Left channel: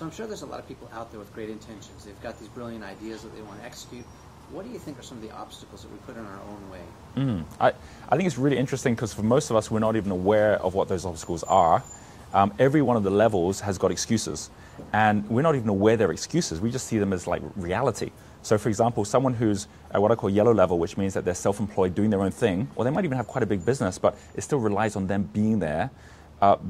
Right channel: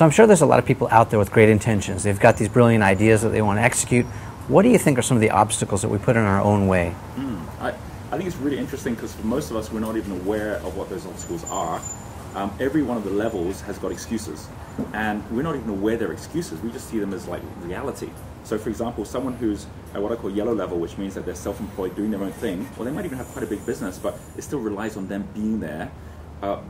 So I'm sure there's a lot of people out there with great intentions. They've got these brilliant ideas that they want to execute. What do you think are some of the obstacles that we put in our own way? I think it's really interesting because for most of us, we're not even aware of what those obstacles are. Every one of the levels has got excuses, and we're not even aware they're excuses. We just see them as like reality. So for example, someone who's at what I call yellow level, which means that they're self-employed doing their own thing, or they might even have quite a big business, but it still relies on them being there.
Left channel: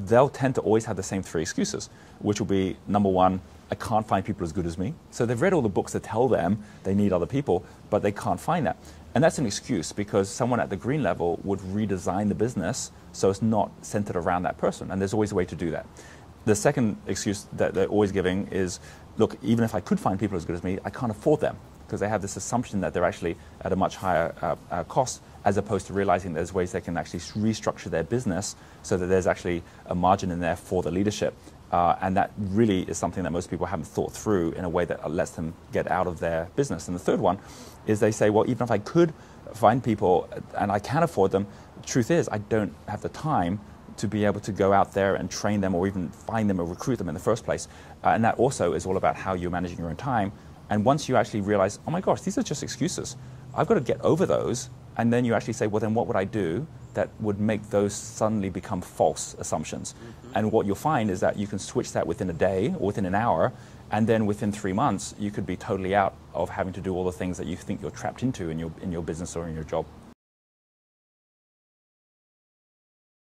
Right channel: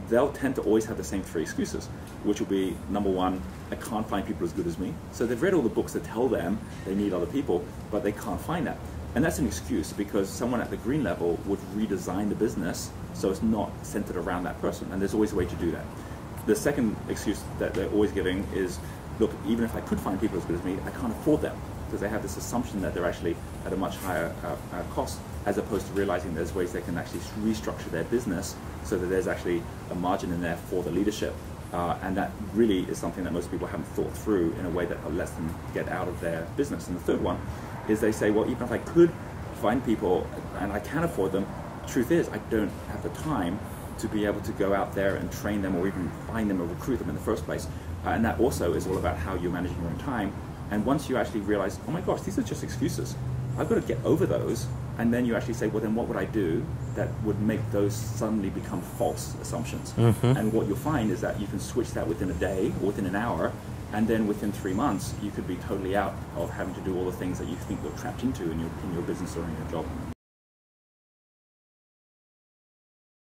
They'll tend to always have the same three excuses, which will be, number one, I can't find people as good as me. So they've read all the books that tell them they need other people, but they can't find that. And that's an excuse because someone at the green level would redesign the business so it's not centered around that person, and there's always a way to do that. The second excuse that they're always giving is, look, even if I could find people as good as me, I can't afford them, because they have this assumption that they're actually at a much higher cost, as opposed to realizing there's ways they can actually restructure their business so that there's actually a margin in there for the leadership. And that really is something that most people haven't thought through in a way that lets them get out of their business. And the third one is they say, well, even if I could find people and I can afford them, truth is I don't have the time to be able to go out there and train them or even find them or recruit them in the first place. And that also is all about how you're managing your own time. And once you actually realize, oh my gosh, these are just excuses, I've got to get over those, and then you actually say, well, then what would I do that would make those suddenly become false assumptions? And what you'll find is that you can switch that within a day or within an hour, and then within 3 months, you could be totally out of having to do all the things that you think you're trapped into in your business or in your job.